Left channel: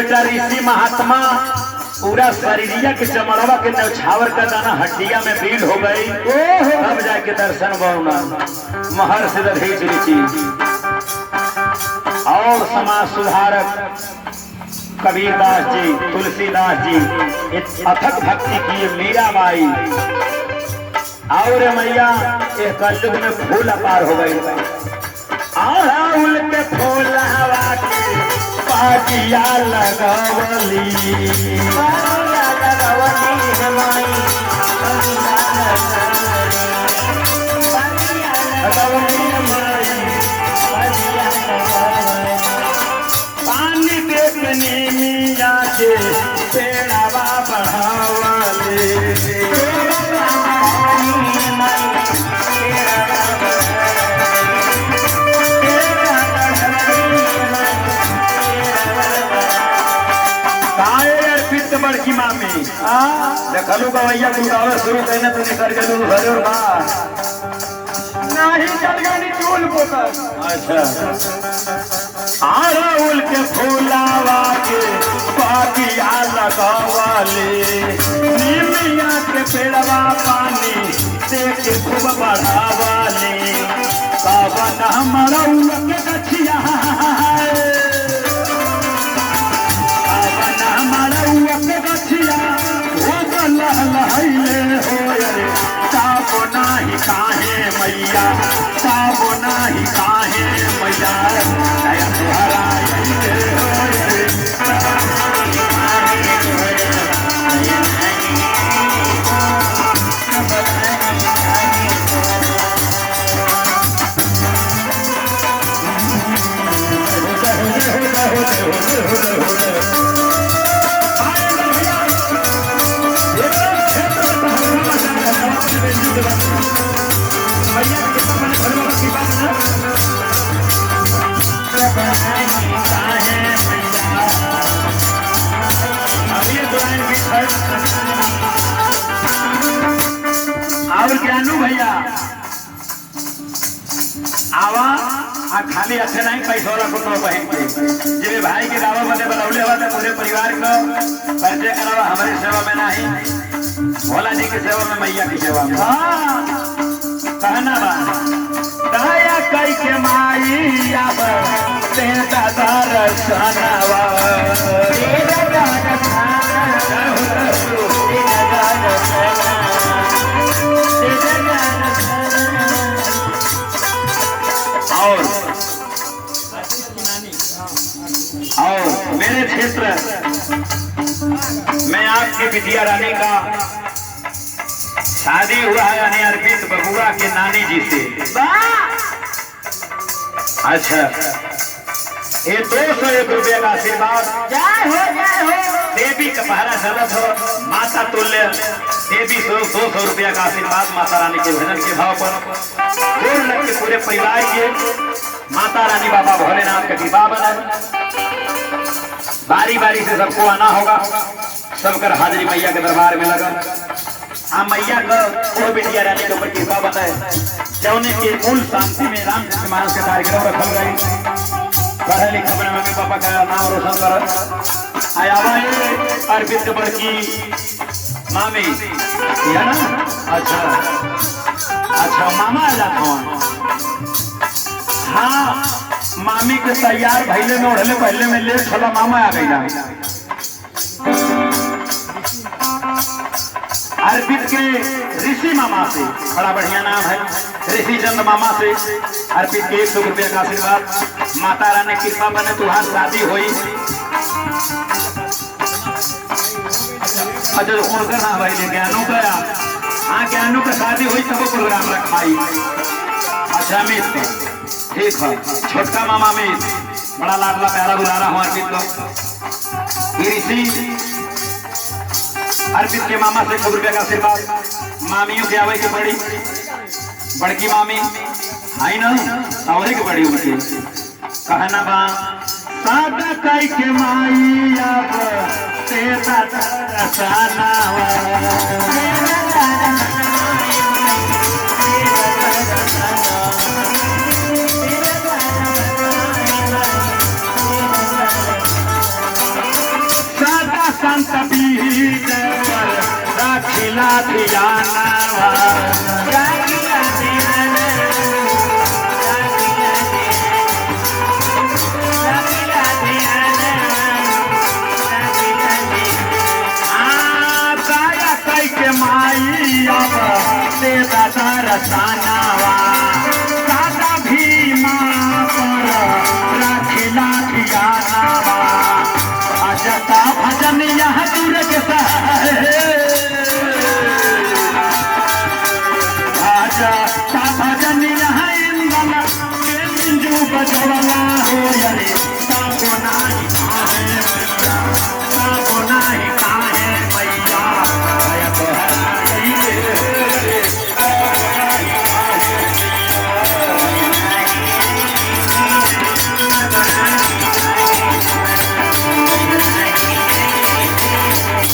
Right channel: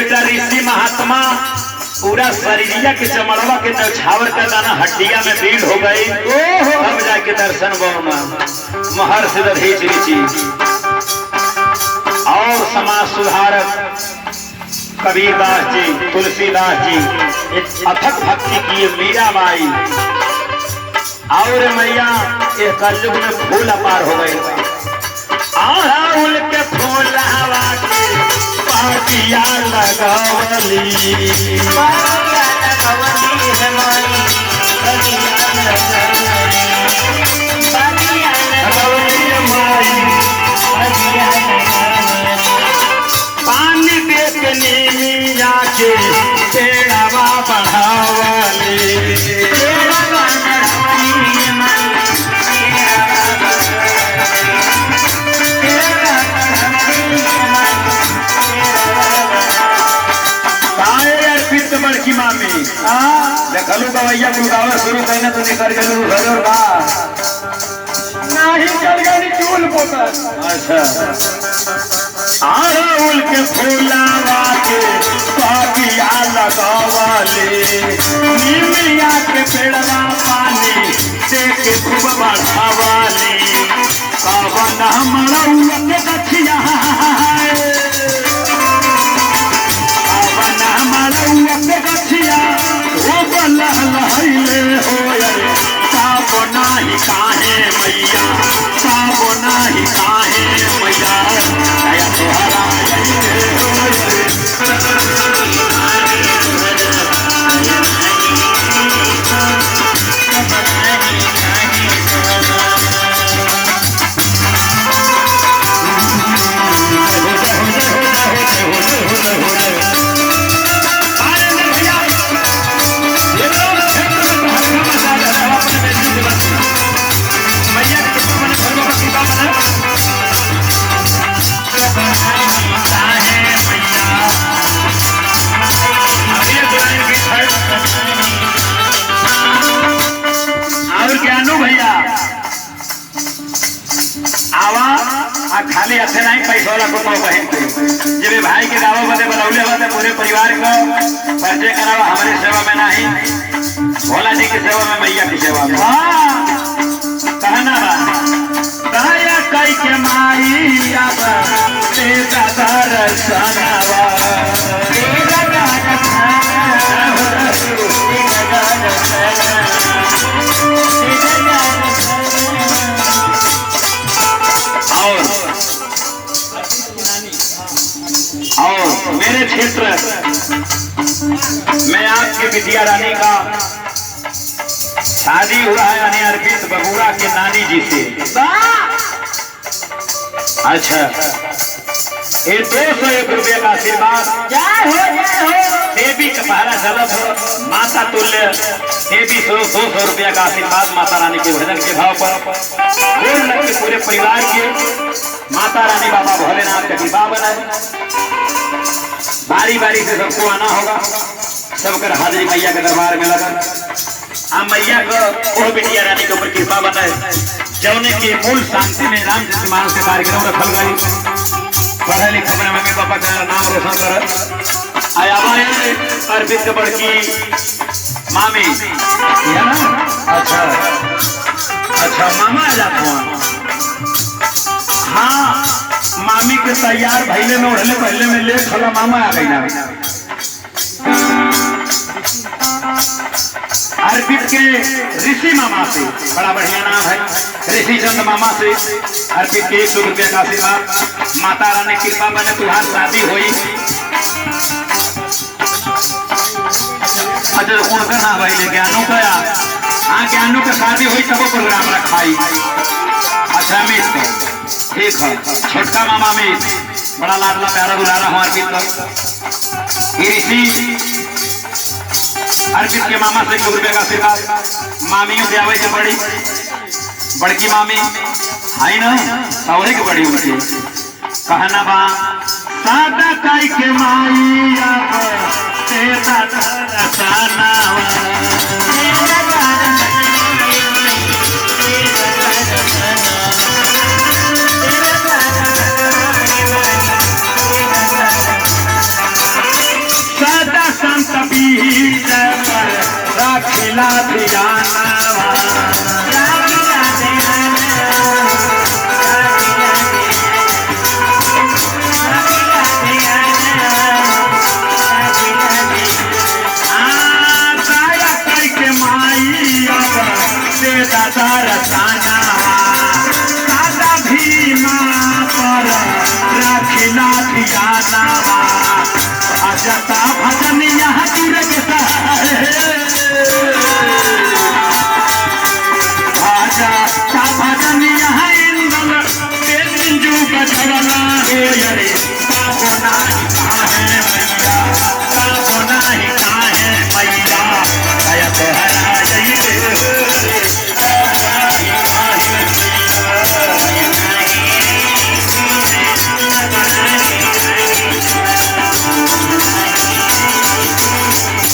बेटा ऋषि महात्मा पूरा शरीरिया के चमड़वा के न्यौछावर का गाना हड्डिया में भीड़ हो गई। तब जाके दर्शन बौना महर्षि दधीच ऋषि और समाज सुधारक कबीरदास जी, तुलसीदास जी, अथक भक्ति किए मीराबाई और मैया एक कलयुग में फूल अपार हो गए। फूल के फूल हवा के पातिया लगावली पानी बेचने में जाके पेड़ावा बढ़ावली बड़की मामी देखलू गवैया गुगावे शुरू करने तो निकल गए घर और बाहर नहीं चल गई चूल पोतर। अच्छा अड़हुल के फूलावा के पातिया लगावले निमिया के पेड़वा पानी से के खूब बढ़ावले पावन मरौआ के गछिया साबो नाही काहे मैया साबो नाही काहे मैया तोहरा और ज्ञानू भैया आवा खाली अच्छे नहीं पैसा वाला कुछ बहन के जब भाई के दावा बदे बनौले हुआ तो पूरे परिवार को परिचय करावा हमारे सेवा में नहीं भोला जी की सेवा में मैया की सेवा में कहना दया कई के माइया और मेरे क्षेत्र में आपके विद्या रानी का शादी हुआ है यानी अरविंद बबुआ के नानी जी से। अच्छा ये 201 रुपये का आशीर्वाद देवी का पहरा चलत हो माता तुल्य देवी 200 रुपया का आशीर्वाद माता रानी के भजन के भाव पर के पूरे परिवार के माता रानी बाबा भोलेनाथ का कृपा बनाए। बारी बारी से सबको आना होगा, सबकर हाजिरी मैया के दरबार में लगा। अब मैया को वो बिटिया रानी के ऊपर कृपा बनाए जौने की मूल शांति में रामचरित मानस के कार्यक्रम रखल गई। पढ़े लिखे अपने मम्मी पापा का नाम रोशन कर आया अरविंद के बड़की मामी है ना। अच्छा अच्छा मामा आ जाता हूँ। हाँ मामी के तैयार भैले में उड़ले पहले में लेट होला मामा आ गई ना। अर्पित के ऋषि मामा से बड़ा बढ़िया नाम है ऋषि चंद मामा से अर्पित के 100 रुपया का आशीर्वाद। माता रानी कृपा बने तुम्हारी शादी हुई। अच्छा उनका ना भाई ज्ञानों का हाँ ज्ञानों का शादी हुई तब प्रोग्राम रखाई। अच्छा अमित ठीक है छोटका मामा अमित बड़ा लाडला प्यारा बुलारा हूँ अर्पित ऋषि अर्पित के मामा से 100 रुपये का आशीर्वाद। मामियों से आवे के बड़ी बड़की मामी आई ना सौरे के बड़ी उनकी कहना बा सादा काई के माइया मिला ध्यान